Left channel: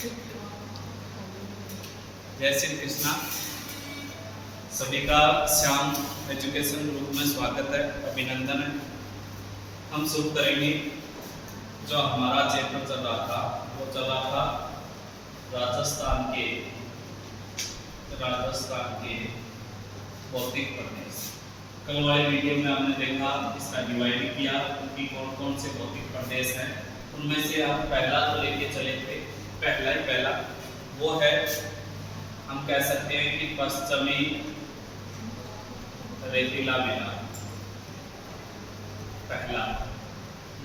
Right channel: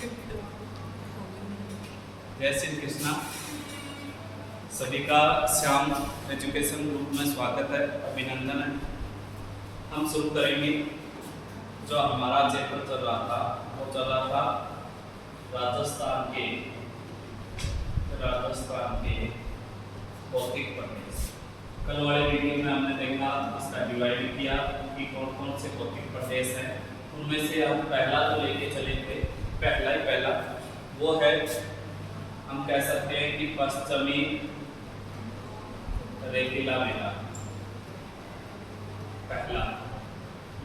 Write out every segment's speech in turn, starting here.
जय श्री कृष्णा। सभी का श्याम एजुकेशन ग्रुप में स्वागत है, अभिनंदन है। हम शुरू करेंगे जो हमारा चैप्टर चल रहा था, वो चल रहा था राजस्थान के भौतिक प्रदेश। कल वाले वीडियो में हमने देखा, इसका डिवाइड किया कि कौन कौन से भौतिक प्रदेश हैं। उनमें से हम पहला तो लेके चले थे, पहला वो है, हम कह सकते हैं कि पश्चिमी रेतीला मैदान पहला,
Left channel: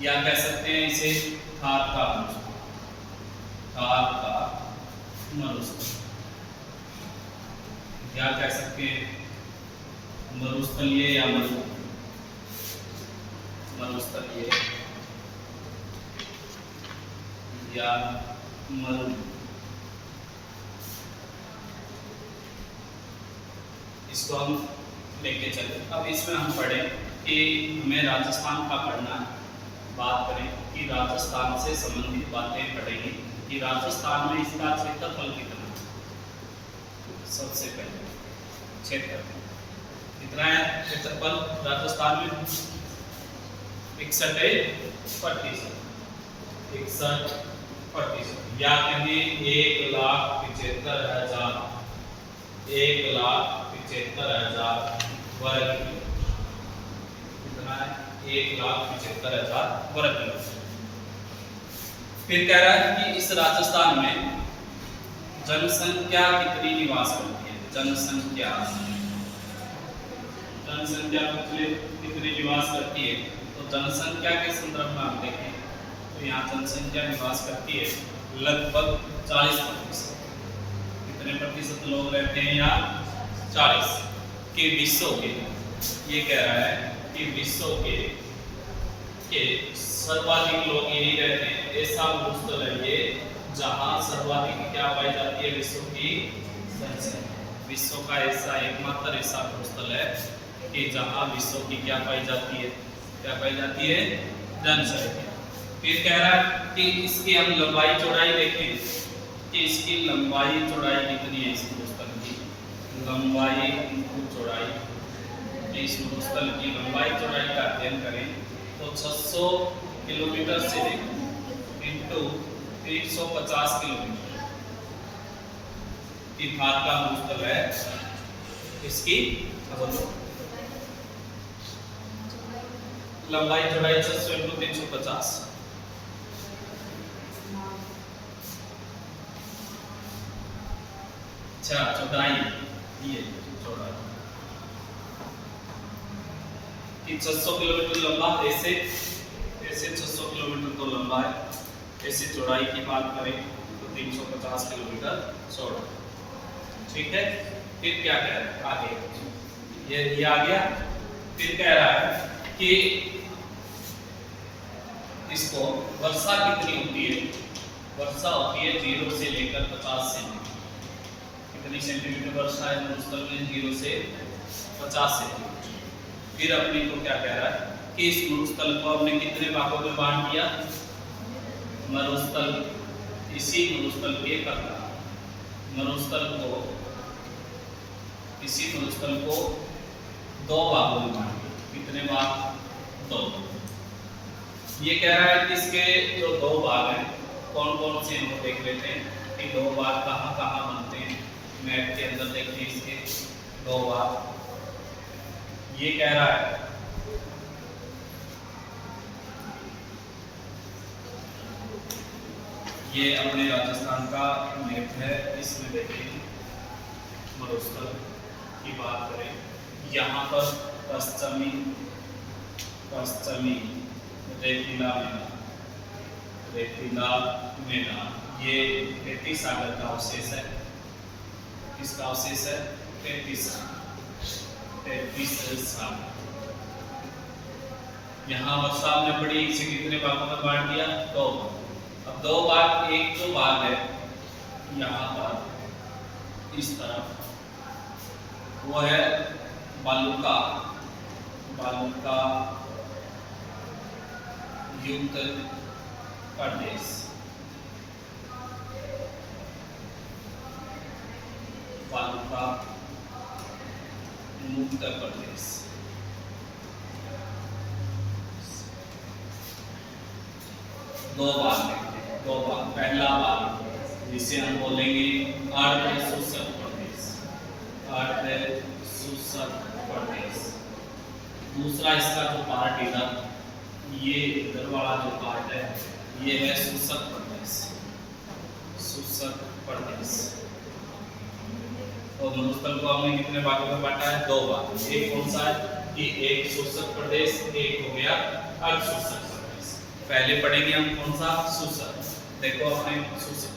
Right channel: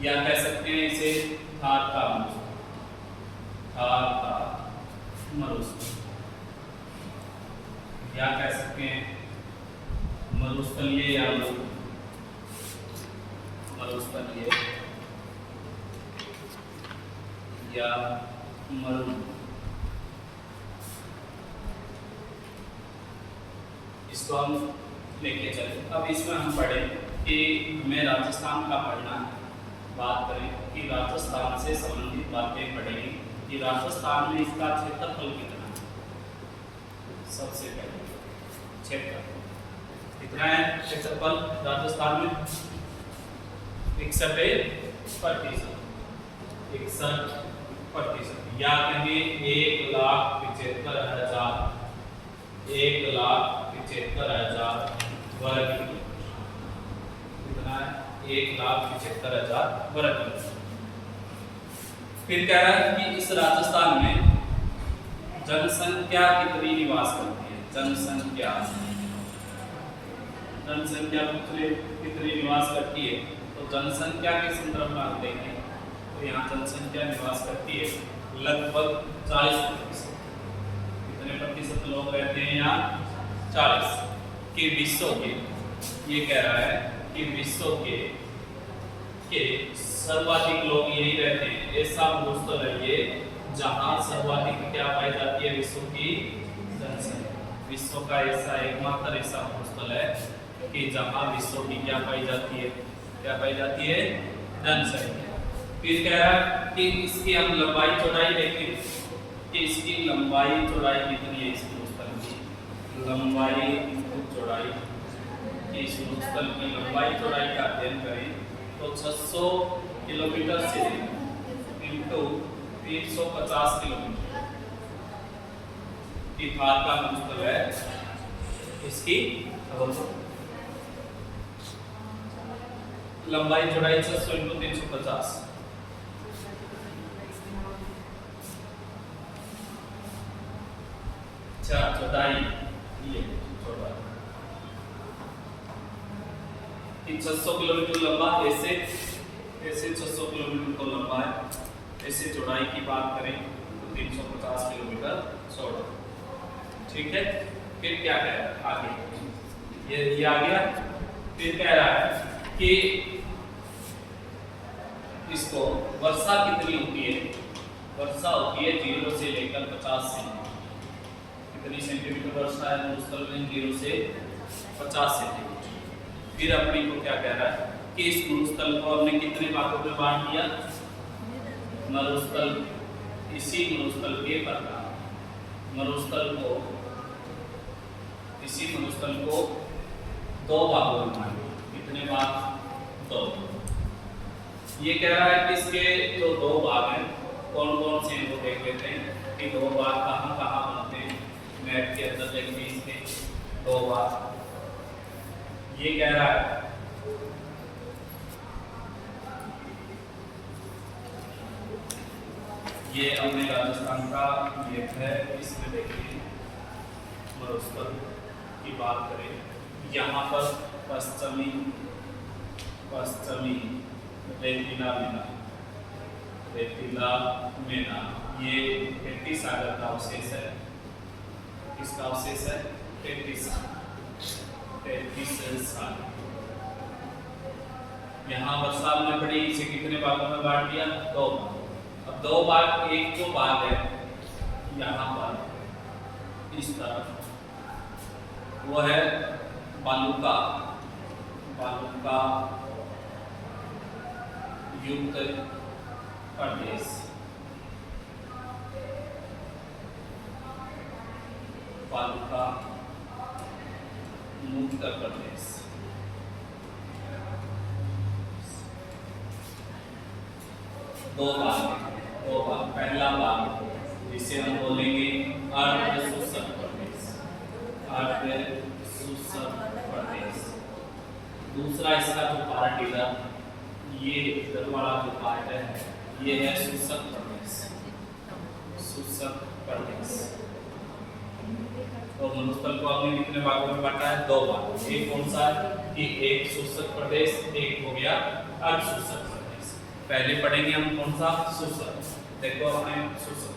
या कह सकते हैं इसे थार का मरुस्थल, या कह सकते हैं मरुस्थलीय या मरुस्थलीय या मरु। इसको हम लेके चले। अब इसमें हम पढ़ें कि हमें राजस्थान का पढ़ना है। बात करें कि राजस्थान से संबंधित बातें पढ़ेंगे कि राजस्थान में इसका क्षेत्रफल कितना है। सबसे पहले क्षेत्रफल कितना है? क्षेत्रफल राजस्थान में 61%, या कहें 1,75,000 वर्ग किलोमीटर। कितना है? 1,75,000 वर्ग किलोमीटर। फिर कह रहा है कि इस राजस्थान में जनसंख्या कितनी निवास करती है। जनसंख्या कितनी निवास करती है, तो जनसंख्या के संदर्भ में हम देखें तो यहाँ जनसंख्या निवास करती है लगभग 40%। कितने प्रतिशत लोग रहते हैं यहाँ? 40 के विश्व के। ये कह रहा है कि विश्व के सर्वाधिक लोग यही रहते हैं। ऐसा मरुस्थल है ये जहाँ सर्वाधिक क्या पाई जाती है? विश्व की जनसंख्या। विश्व का ऐसा एकमात्र ऐसा मरुस्थल है कि जहाँ विश्व की क्या पाई जाती है? जनसंख्या। फिर कह रहा है कि इसकी हम लंबाई चौड़ाई देखें कि इसकी लंबाई चौड़ाई कितनी है। इस मरुस्थल की लंबाई चौड़ाई, इस मरुस्थल की लंबाई चौड़ाई का अध्ययन करें तो 600 किलोमीटर से इंटू 350 किलोमीटर की भार का मरुस्थल है। इसकी लंबाई चौड़ाई 600 इंटू 350। अच्छा, चौड़ाई ये चौड़ाई 600 किलोमीटर लंबा, ऐसे 600 किलोमीटर तो लंबा है। ऐसे चौड़ाई की बात करें तो 350 किलोमीटर चौड़ा। ठीक है। फिर क्या कह रहा है आगे? ये आ गया। फिर कह रहा है कि इसको वर्षा कितनी होती है? वर्षा होती है 0 से लेकर 50 सेंटीमीटर। कितनी सेंटीमीटर वर्षा है मरुस्थल में? 0 से 50 सेंटीमीटर। फिर अपने को क्या कह रहा है कि इस मरुस्थल को हमने कितने भागों में बांट दिया? इसी मरुस्थल के प्रकार इसी मरुस्थल को 2 भागों में बांट दिया। कितने भाग? 2। ये कह रहा है कि इसके जो 2 भाग हैं कौन कौन से हैं वो देख लेते हैं कि 2 भाग कहाँ बनते हैं। मैप के अंदर देखते हैं इसके 2 भाग। ये कह रहा है ये अपने राजस्थान का मैप है। इसमें देखिए मरुस्थल की बात करें, यहाँ पर पश्चिमी रेतीला मैदान ये 33 सागर का अवशेष है। किसका अवशेष है? 33 सागर। यहाँ वर्षा में पड़ी, इसे कितने भागों में बांट दिया? 2 भाग। अब 2 भाग, एक जो भाग है यहाँ पर इस तरफ वो है बालूका युक्त प्रदेश। तथा उत्तर प्रदेश। दो भाग हैं, दो भाग। पहला भाग जिसे हम बोलेंगे अर्ध शुष्क प्रदेश, अर्ध शुष्क प्रदेश। दूसरा इसका जो पार्ट इधर, ये इधर वाला जो पार्ट है ये है शुष्क प्रदेश, शुष्क प्रदेश। तो मरुस्थल को हमने कितने भागों में बांटा है? दो भाग। एक कौन सा है कि एक शुष्क प्रदेश, एक हो गया अर्ध शुष्क प्रदेश। पहले पढ़ेंगे हम कौन सा? शुष्क। देखो अपने शुष्क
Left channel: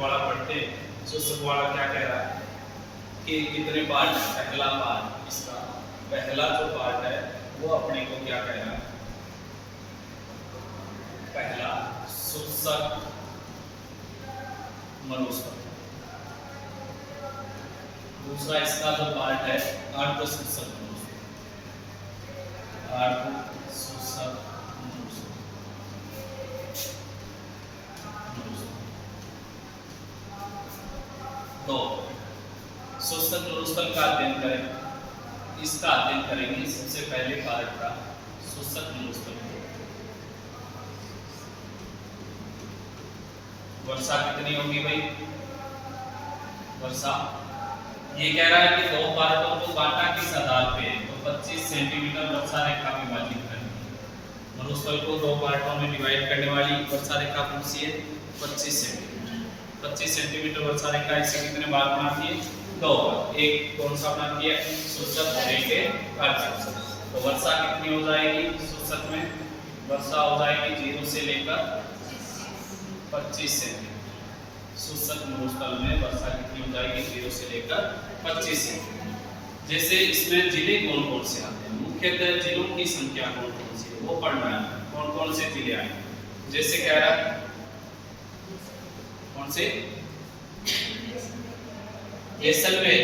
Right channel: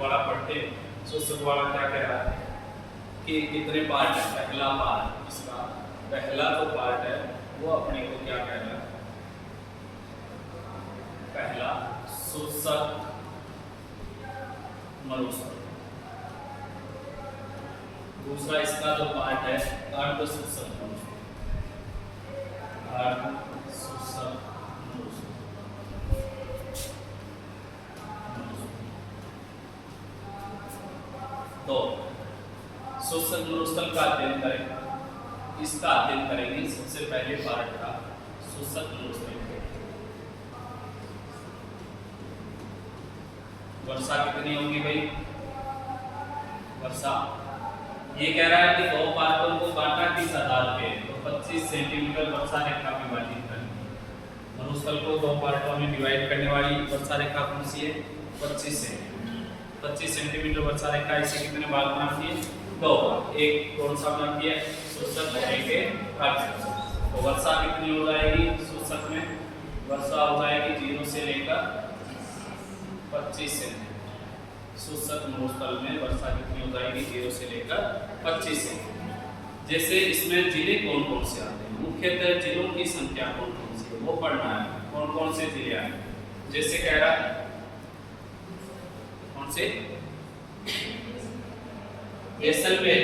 वाला पढ़ते हैं। शुष्क वाला क्या कह रहा है कि कितने पार्ट है? पहला पार्ट, इसका पहला जो पार्ट है वो अपने को क्या कह रहा है? पहला शुष्क मरुस्थल। दूसरा इसका जो पार्ट है अर्ध शुष्क मरुस्थल, अर्ध शुष्क मरुस्थल। तो शुष्क मरुस्थल का अध्ययन करें, इसका अध्ययन करेंगे। सबसे पहले पार्ट का शुष्क मरुस्थल। वर्षा कितनी होगी भाई? वर्षा ये कह रहा है कि दो पार्टों को बांटा किस आधार पे? तो 25 सेंटीमीटर वर्षा रेखा विभाजित करनी है। मरुस्थल को दो पार्टों में डिवाइड करने वाली वर्षा रेखा कौन सी है? 25 सेंटीमीटर। 25 सेंटीमीटर वर्षा रेखा इसे कितने भाग बनाती है? दो भाग। एक कौन सा बनाती है? शुष्क और एक अर्धशुष्क। तो वर्षा कितनी हो जाएगी शुष्क में? वर्षा हो जाएगी 0 से लेकर 25 सेंटीमीटर। शुष्क मरुस्थल में वर्षा कितनी हो जाएगी? 0 से लेकर 25 सेंटीमीटर। जैसे इसमें जिले कौन कौन से आते हैं, मुख्यतः जिलों की संख्या कौन कौन सी है वो पढ़ना है। कौन कौन से जिले आए? जैसे कह रहा है कौन से? जैसलमेर,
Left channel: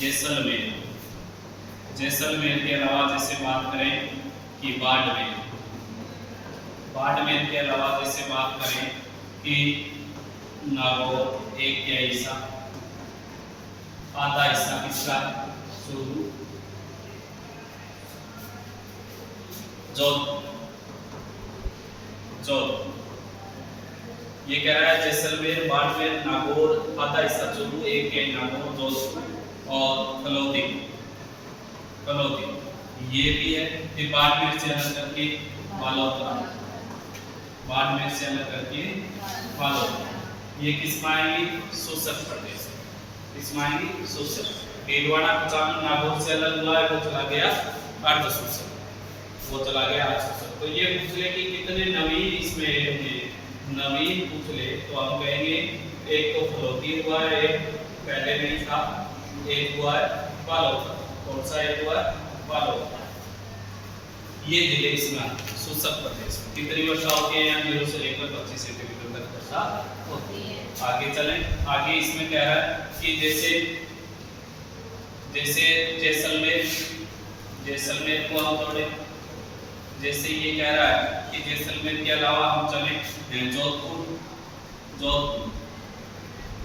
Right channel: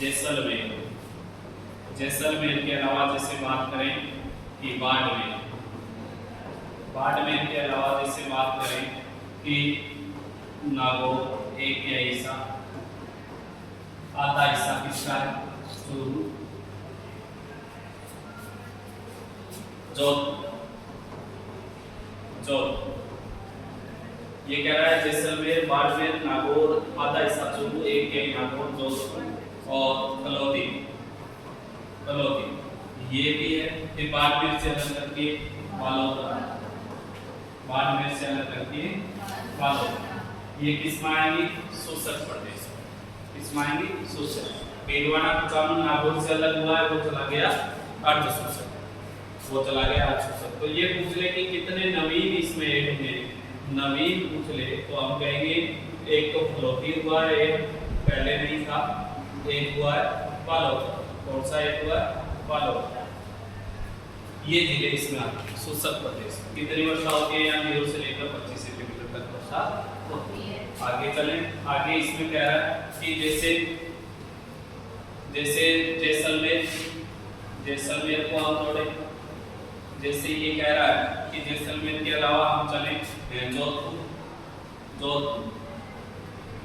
जैसलमेर। जैसलमेर के अलावा जैसे बात करें कि बाड़मेर, बाड़मेर के अलावा जैसे बात करें कि नागौर, एक या हिस्सा, आधा हिस्सा किसका है? चूरू, जोधपुर, जोधपुर। ये कह रहा है जैसलमेर, बाड़मेर, नागौर, आधा हिस्सा चूरू, एक या नागौर, जोधपुर और फलौदी, फलौदी ये भी है। फिर बाड़मेर से अलग करके बालोतरा, बाड़मेर से अलग करके बालोतरा। ये किसमें आएंगी? शुष्क प्रदेश। किसमें आएंगी? शुष्क। भीलवाड़ा, कुचामन नागौर से अलग हुआ है, वो चला गया अर्ध शुष्क, वो चला गया अर्ध शुष्क। तो ये पूछ ले कि कितने नवीन इसमें ऐड हुए, नवीन पूछ ले तो हम कहेंगे एक तो फलौदी हुआ है, एक पहले नहीं था, एक हुआ है बालोतरा। कौन सा एक हुआ है? बालोतरा। ये जिले इसमें आते हैं शुष्क प्रदेश। कितनी वर्षा होती है यहाँ? 0 से लेकर 25 सेंटीमीटर तक वर्षा होती है। आगे चलें। आगे इसमें कह रहा है कि जैसे जैसे जैसलमेर, जैसलमेर को हम जोड़े। जैसे ये कह रहा है कि जैसलमेर के अलावा हम चलें जोधपुर, जोधपुर,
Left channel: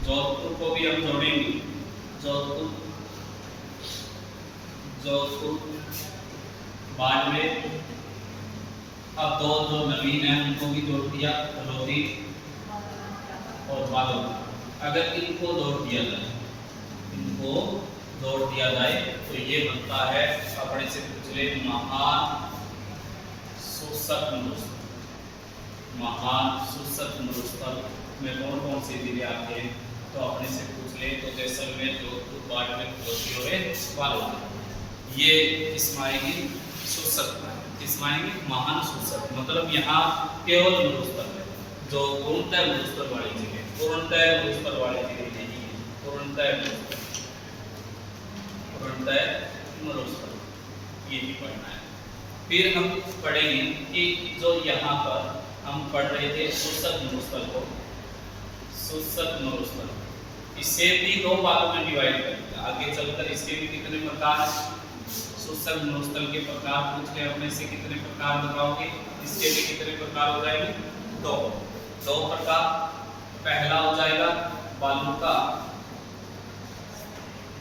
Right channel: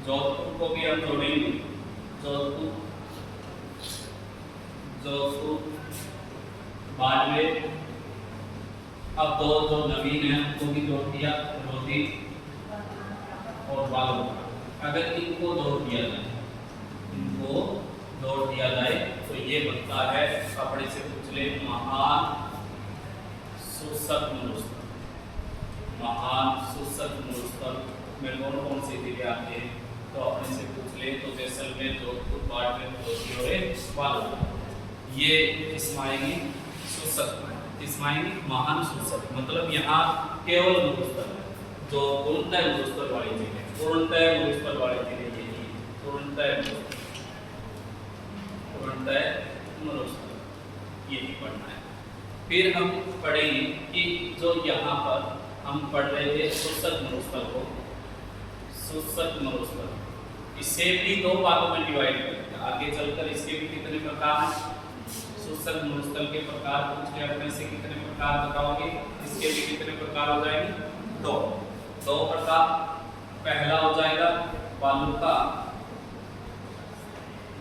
जोधपुर को भी हम जोड़ेंगे। जोधपुर, जोधपुर, बाड़मेर। अब दो जो नवीन है उनको भी जोड़ दिया, फलौदी और बालोतरा। अगर इनको जोड़ दिया जाए, इनको जोड़ दिया जाए तो ये बनता है अपने से पिछले महान शुष्क मरुस्थल। महान शुष्क मरुस्थल में कौन कौन से जिले आते हैं? तो अपने से पूछ ले तो जैसलमेर, जोधपुर, बाड़मेर, फलौदी और बालोतरा। ये इसमें आएगी शुष्क में, इसमें आएंगी महान शुष्क। मतलब यहाँ केवल मरुस्थल है जो पूर्णतः मरुस्थल वाले जिले, पूर्णतः मरुस्थल वाले जिले यही है, पूर्णतः मरुस्थल, यही पढ़ना है। फिर हम पढ़ेंगे कि जो यहाँ पर हम पढ़ रहे थे शुष्क मरुस्थल को, शुष्क मरुस्थल, इसे भी दो भागों में डिवाइड करेंगे। आगे चलकर इसके भी कितने प्रकार हैं? शुष्क मरुस्थल के प्रकार पूछ ले अपने से, कितने प्रकार बताओगे? इसके भी कितने प्रकार हो जाएंगे? दो प्रकार। पहला हो जाएगा बालू का,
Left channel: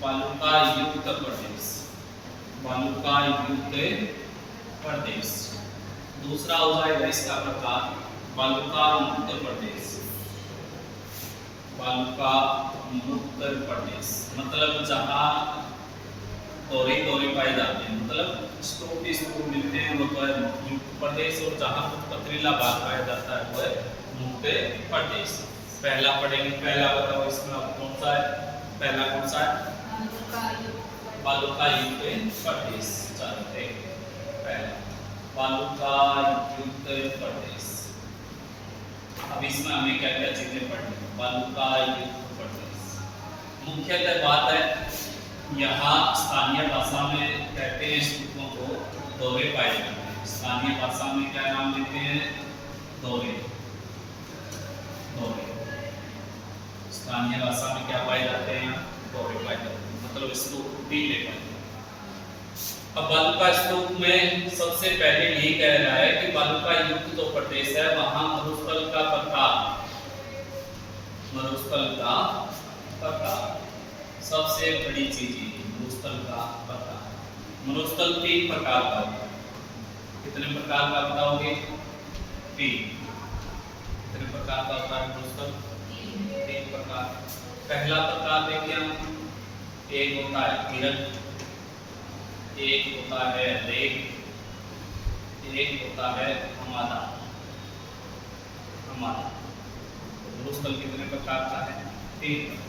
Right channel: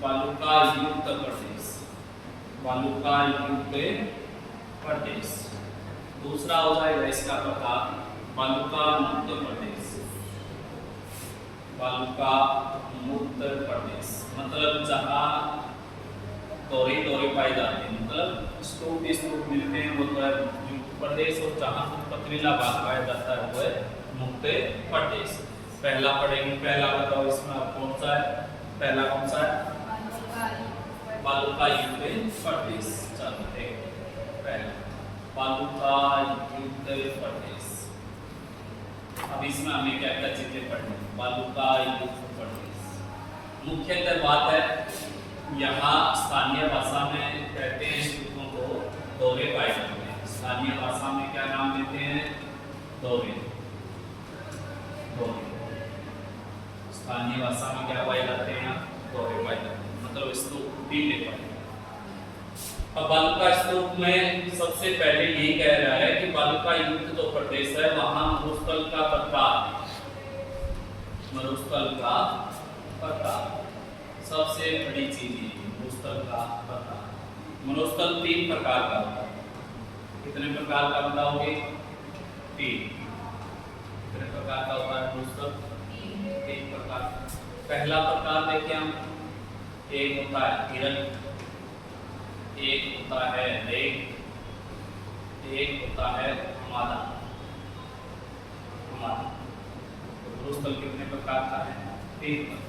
वालुका युक्त प्रदेश, वालुका युक्त प्रदेश। दूसरा हो जाएगा इसका प्रकार वालुका मुक्त प्रदेश, वालुका मुक्त प्रदेश मतलब जहाँ दोहरे दोहरे पाए जाते हैं, मतलब स्तूप मिलते हैं वो तो है युक्त प्रदेश, और जहाँ कुछ पथरीला भाग पाया जाता है वो है मुक्त प्रदेश। पहला पढ़ेंगे, पहला बताओ इसमें आप कौन सा है, पहला कौन सा है, वालुका युक्त प्रदेश। चलो पहला वालुका युक्त प्रदेश। अब इसमें हमें क्या क्या चीजें पढ़नी, वालुका युक्त प्रदेश मुख्यतः बात है यहाँ स्थानीय भाषा में कहते हैं स्तूपों को दोहरे पाए जाते हैं। स्थानीय भाषा में क्या नाम देते हैं, दोहरे, दोहरे। स्थानीय भाषा में क्या पाए जाते हैं, दोहरे पाए जाते हैं, मतलब स्तूप टीले पाए जाते हैं। अब वालुका स्तूप में सबसे पहले ये कह रहा है कि वालुका युक्त जो प्रदेश है वहां मरुस्थल का प्रकार, मरुस्थल का प्रकार सबसे बड़ी चीज है, मरुस्थल का प्रकार। मरुस्थल 3 प्रकार का होता है, कितने प्रकार का बताओगे, 3। कितने प्रकार का होता है मरुस्थल, 3 प्रकार। पहला प्रकार देखिए हम, एक होता है हिरण, एक होता है रेत, एक होता है हमारा, हमारा। मरुस्थल कितने प्रकार का है, 3 प्रकार।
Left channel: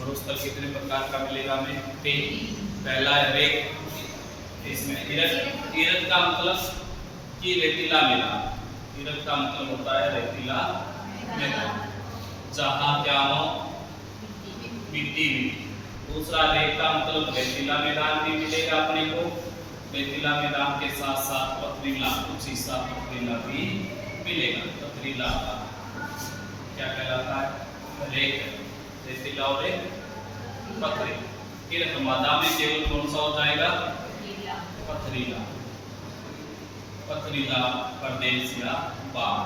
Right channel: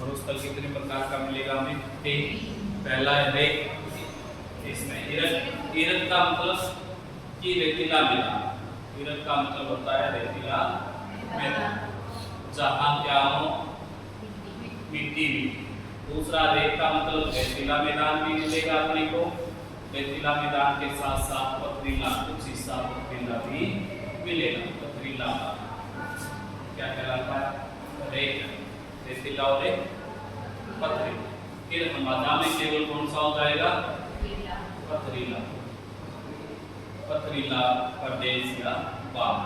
मरुस्थल कितने प्रकार का मिलेगा हमें, 3। पहला है रेत, इसमें हिरण का मतलब कि रेतीला मैदान, हिरण का मतलब होता है रेतीला मैदान जहाँ क्या हो, मिट्टी। दूसरा रेत का मतलब रेतीला मैदान भी मिलेगा अपने को, रेतीला मैदान के साथ साथ पथरीला, कुछ हिस्सा पथरीला भी मिलेगा। पथरीला क्या कहलाता है, रेत, रेतीला और पथरी। फिर हमादा में केवल कौन सा हो जाएगा, पथरीला, पथरीला प्रदेश या बाग।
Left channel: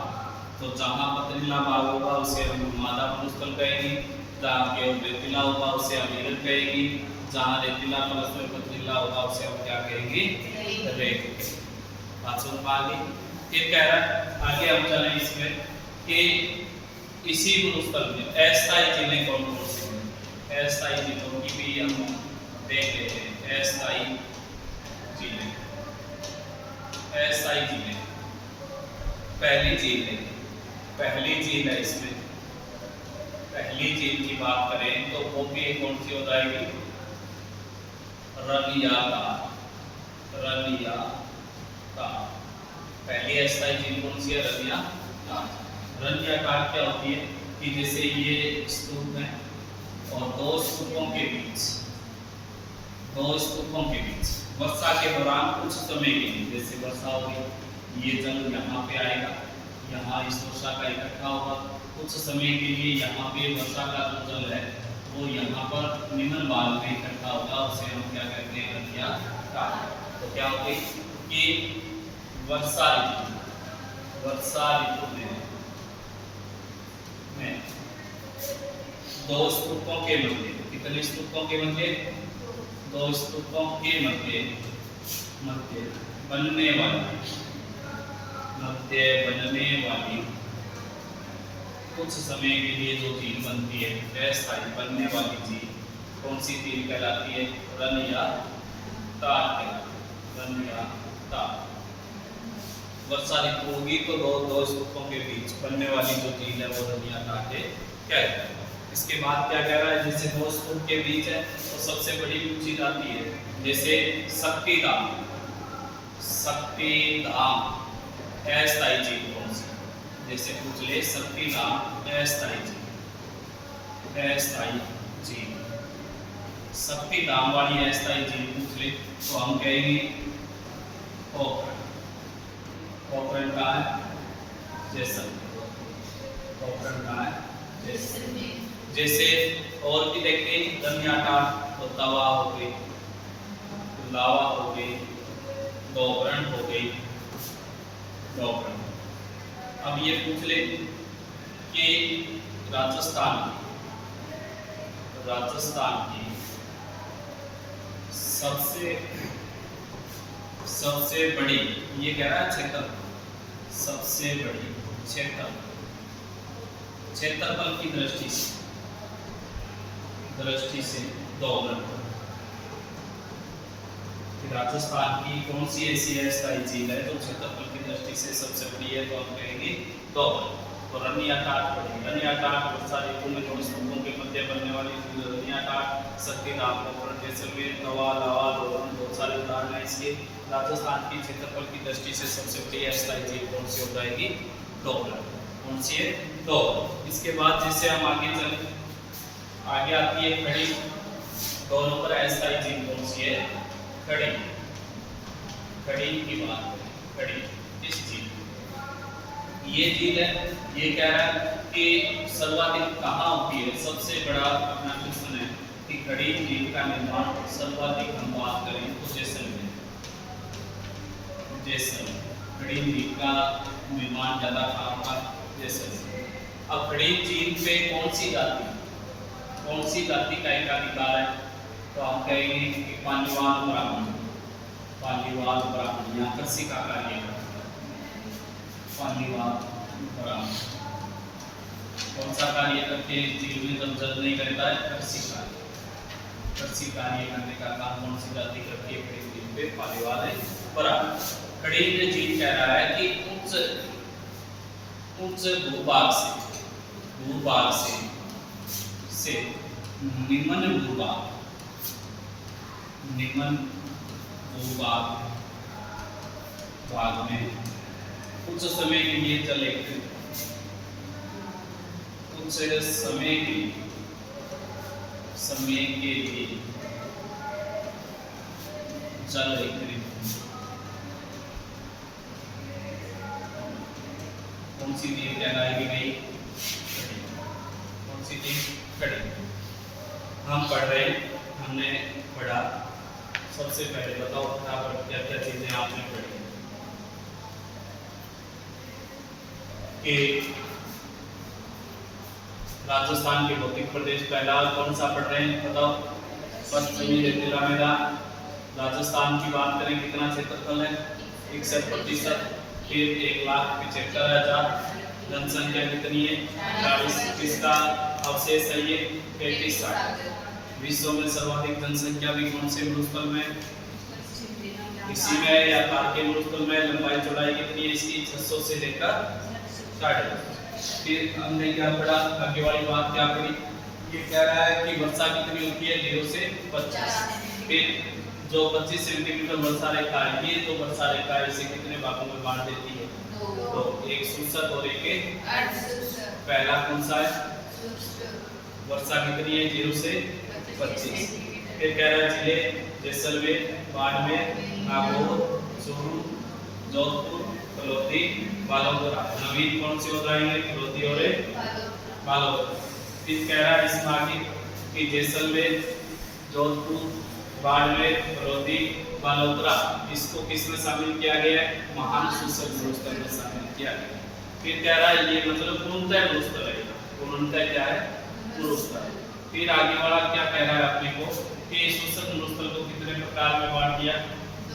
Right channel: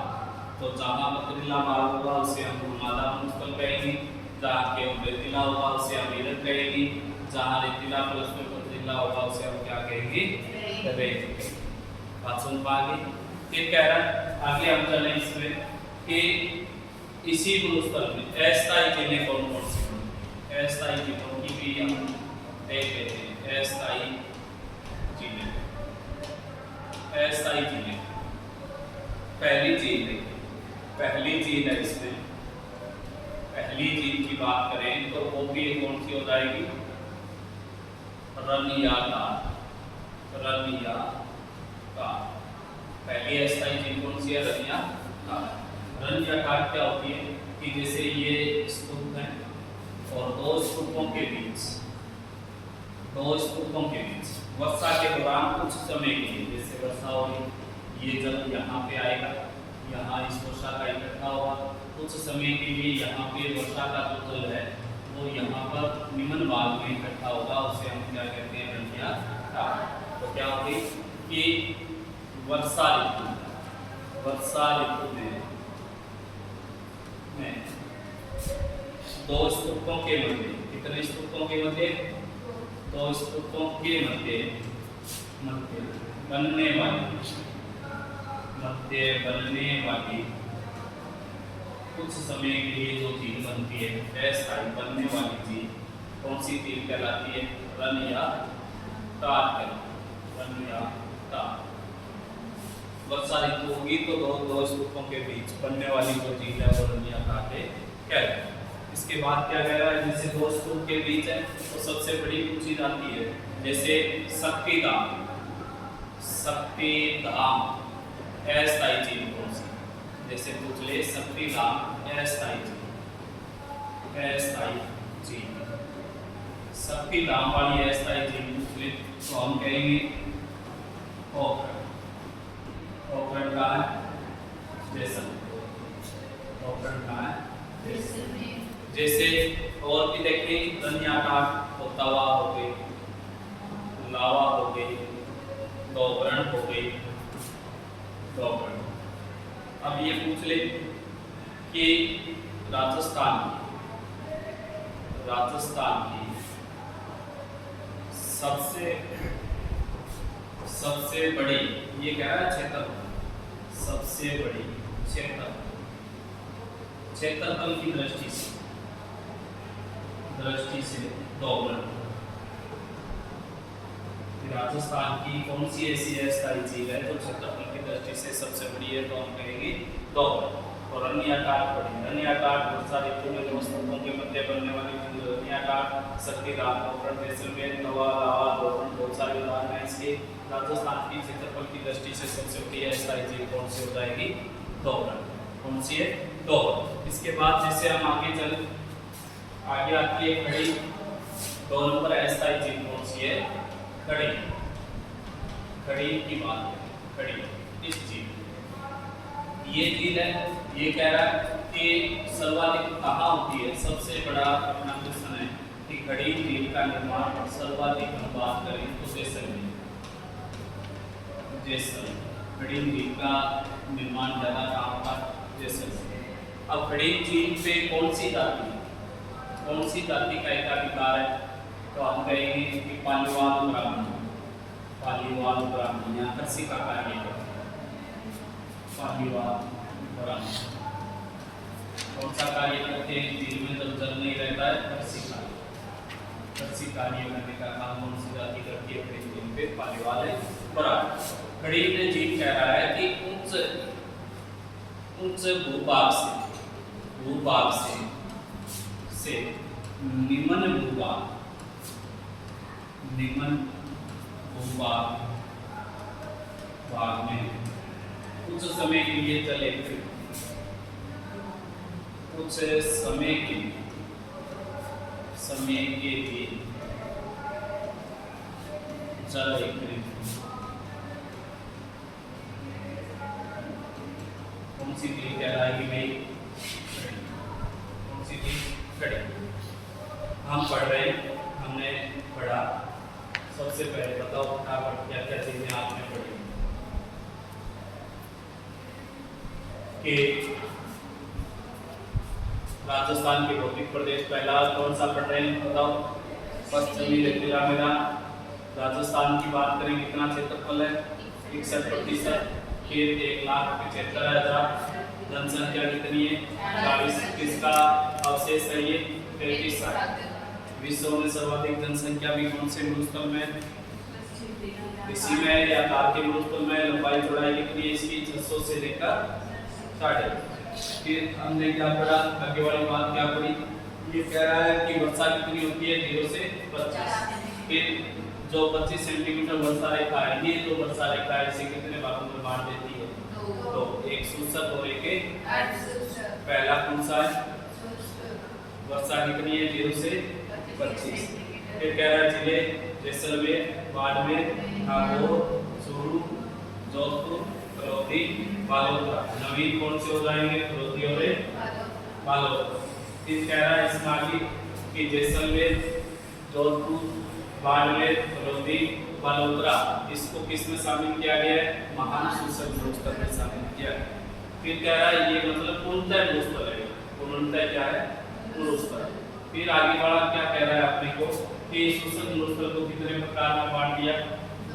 तो जहाँ पथरीला बाग होगा उसे हम हमादा मरुस्थल कहेंगे, जहाँ केवल रेतीला होगा उसे हम हिरण कहेंगे, जहाँ रेतीला प्लस में पथरीला होगा उसे हम क्या कहेंगे, रेत। बात सुन पाएंगे। फिर कह रहा आगे हम चले इसमें कि इसी मरुस्थल में अस्थायी जिले कौन कौन से हैं, अस्थायी जिलों की भी हम देख लेते हैं। अस्थायी जिले, अस्थायी जिले, पहली झील है, पहली झील है इसमें, पहली झील की बात करें तो वो भी कौन सी हो जाएगी, रनियातार, रनियातार। पहली अस्थायी झील कौन सी है, रनियातार। रनियातार क्या होती है कि जैसे ये स्तूप है और 2 स्तूपों के बीच, 2 स्तूपों के बीच वर्षा के दौरान कुछ समय के लिए, जैसे वर्षा हो रही, ये जल यहाँ पे आएगा, यहाँ इस वर्षा का इकट्ठा होगा, कुछ समय के लिए यहाँ पे वर्षा का जो जल है वो यहाँ पर निम्न भाग में इकट्ठा होगा, उसे हम क्या कहते हैं, रनियातार। तो क्या हो गई कि वर्षा ऋतु, वर्षा ऋतु में 2 स्तूपों के मध्य, कितने स्तूपों के मध्य, 2 स्तूपों के मध्य बनने वाली कुछ समय के लिए जो झील बनती है, अस्थायी बनने वाली झील कौन सी झील कहलाती है, रनियातार, रनियातार। वर्षा ऋतु होगी तो 2 स्तूपों के बीच बनने वाली जो झील है वो रनियातार कहते हैं। इसके बाद क्या कह रहा है, जैसे 2 स्तूप के बीच है तो सबसे बड़ी पूछी जाती है, जैसे शक्तिधाम, शक्तिधाम अस्थायी झील कौन सी, जैसे पूछ ले शक्तिधाम अस्थायी झील, अस्थायी झील, शक्तिधाम वाली अस्थायी झील पूछ ले तो हम कहेंगे पोखरण, पोखरण का है जैसलमेर, पोखरण का है जैसलमेर। जैसे और भी देखिए रनियातार तो तवा हो गई, लावा हो गई, डोबरण हो गई, डोबरण। अब ये पूछ ले कि राजस्थान की सबसे सबसे बड़ी, ये कह रहा है क्षेत्रफल, सबसे बड़ी क्षेत्रफल की दृष्टि से दोलन। राजस्थान की कौन सी ऐसी स्थायी झील है जो क्षेत्रफल की दृष्टि से सबसे बड़ी है, तो हम कहेंगे दोलन। और रनियाटाट पड़ी, रनियाटाट वर्षा ऋतु में दो स्तंभों के मध्य बनने वाली झील रनियाटाट, सतीराम, पोखरण, जैसलमेर, तवा, लावा, दोलन बहुत सारे उदाहरण हैं इसके। राजस्थान की क्षेत्रफल की दृष्टि से सबसे बड़ी स्थायी झील कौन सी हो जाएगी, दोलन। कौन सी है, दोलन। इसके बाद जैसे हम आगे चले, आगे आती है खड़ी। 2 नंबर अस्थायी झील कौन सी है, खड़ी। खड़ी की बात करें, खड़ी इस झील, ये झील है, ये कह रहा है कि सर्वाधिक कहाँ होती है, सबसे बड़ा अपना क्वेश्चन है कि खड़ी झील का निर्माण सर्वाधिक हम बात करें तो जैसलमेर, खड़ी झील का निर्माण ज्यादा कहाँ होगा, जैसलमेर। अब खड़ी झील पे कौन सी जाति का एकाधिकार है, तो हम कहेंगे कि पालीवाल ब्राह्मण या कृषि का कार्य है। पालीवाल ब्राह्मण कौन सा कार्य करते हैं झील में जब जल नहीं रहता है, कृषि कार्य करने का काम कौन सी जाति करती है, झील पे पालीवाल है ब्राह्मण। खड़ी में झील कह रहा है कि उच्च भूभाग से निम्न भूभाग में कुछ समय के लिए जल एकत्रित, जल एकत्रित कौन सी झील कहलाएगी भाई, खड़ी। कौन सी झील, खड़ी। हम पढ़ रहे हैं, हमने पढ़ा, सबसे पहले बताओ फटाफट क्या क्या चीजें आपने पढ़ी कि राजस्थान के भौतिक प्रदेश पहला कौन सा पढ़ रहे हैं, बताओ। पश्चिमी रेतीला मैदान। राजस्थान की बात करें कितना क्षेत्रफल है, 61%। फिर 1,75,000। जनसंख्या कितनी है, 40। किसका अवशेष है ये, 3360। विश्व में सर्वाधिक जनसंख्या भी कौन से मरुस्थल में, इसी में या तार के मरुस्थल में। लंबाई चौड़ाई कितनी है इसकी, 600 से लेकर 60। फिर हमने क्या पढ़ा, आगे वाली बात क्या पढ़ी, ये कह रहा है कि वर्षा कितनी होती है, 0 से 25। फिर जो 25 सेंटीमीटर वर्षा रेखा है, ये जो वर्षा रेखा है इसे कितने भागों में बांट देती है, तो एक सूचक और एक पहला कौन सा है, वर्षा कितनी है, 0 से 25। फिर कह रहा है जिले जैसलमेर, बाड़मेर, नागौर, चूरू, जोधपुर, फलोदी, बालोतरा। नवीन कौन से हो जाएंगे, फलोदी और बालोतरा। फिर कह रहा है इसमें आगे कि जैसलमेर, जोधपुर, बाड़मेर, फलोदी, बालोतरा, इसको किस में शामिल किया गया है, महान सूचक मरुस्थल में शामिल किया गया। फिर कह रहा है ये मतलब पूर्णतः मरुस्थल है, पूर्णतः क्या है, मरुस्थल। फिर आगे वाला क्या कह रहा है अपने को कि सूचक मरुस्थल को कितने प्रकार में बांट दिया,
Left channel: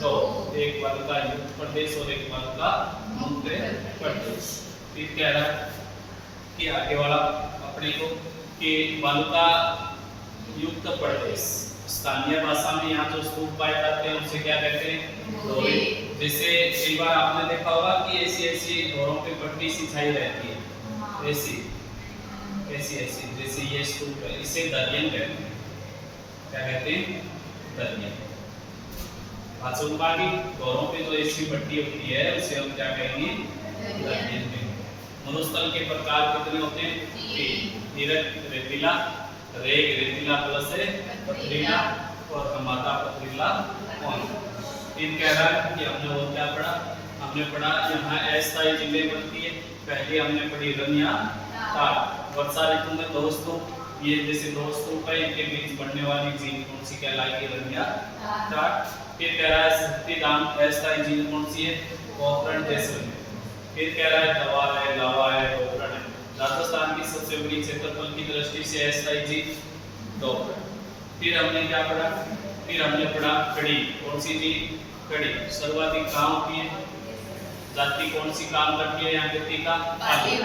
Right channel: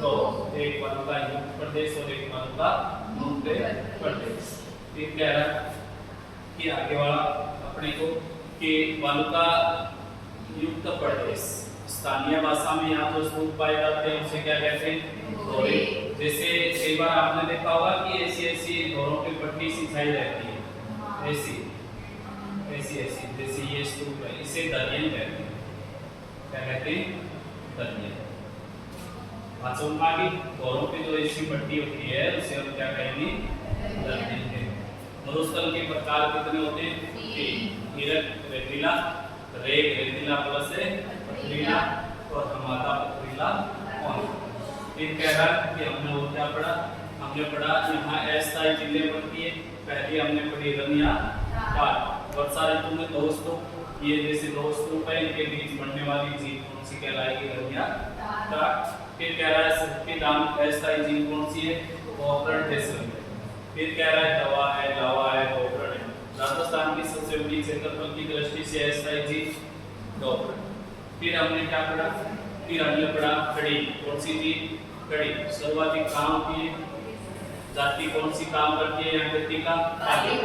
तो एक वालुका युक्त प्रदेश और एक वालुका मुक्त प्रदेश। फिर कह रहा है कि आगे वाला अपने को कि वालुका युक्त प्रदेश, स्थानीय भाषा में यहाँ जो स्तूप पाए जाते हैं उसे क्या कहते हैं, दोरे। जैसे एक बार आपने देखा होगा कि ऐसी दोरों पे पट्टी सिंचाई रहती है, ऐसी जैसे ये स्तूप है, इसे दरियन कहते हैं। क्या कहते हैं, दरियन। दोरों पे जो ऐसी पट्टी होती है उसे हम क्या कहेंगे, दरियन कहते हैं। मरुस्थल के प्रकार कितने होते हैं, 3। रेतीला, रेग रेतीला प्लस पथरीला और हमादा पथरीला कौन। फिर कह रहा है कि हमने वो क्या पढ़ा, हमने पढ़ा यहाँ अस्थायी झीलें बनती है। पहले हमने पढ़ी रनियाटाट। वर्षा ऋतु में 2 स्तूप, ये जैसे 2 स्तूप है, इनके बीच बनने वाली झील कौन सी कहलाएगी, रनियाटाट। फिर कह रहा है सतीराम अस्थायी झील कौन सी है, पोखरण, जैसलमेर। फिर कह रहा है तवा है, लावा है, पोखरण है। राजस्थान की सबसे बड़ी क्षेत्रफल की दृष्टि से अस्थायी झील, पोखरण। फिर हमने क्या पढ़ा फिर हमने पढ़ा खड़ी, कौन सी थी? खड़ी। सर्वाधिक कहाँ होती है? जाति कौन सी काम करती है? यहाँ व्यक्ति का आगे।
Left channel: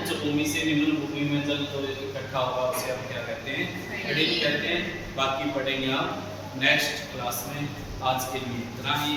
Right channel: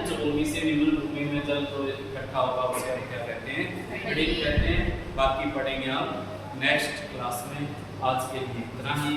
उच्च भूमि से निम्न भूमि में जल जो इकट्ठा होगा उसे हम क्या कहते हैं? खड़ी कहते हैं। बाकी पढ़ेंगे हम नेक्स्ट क्लास में। आज के लिए इतना ही।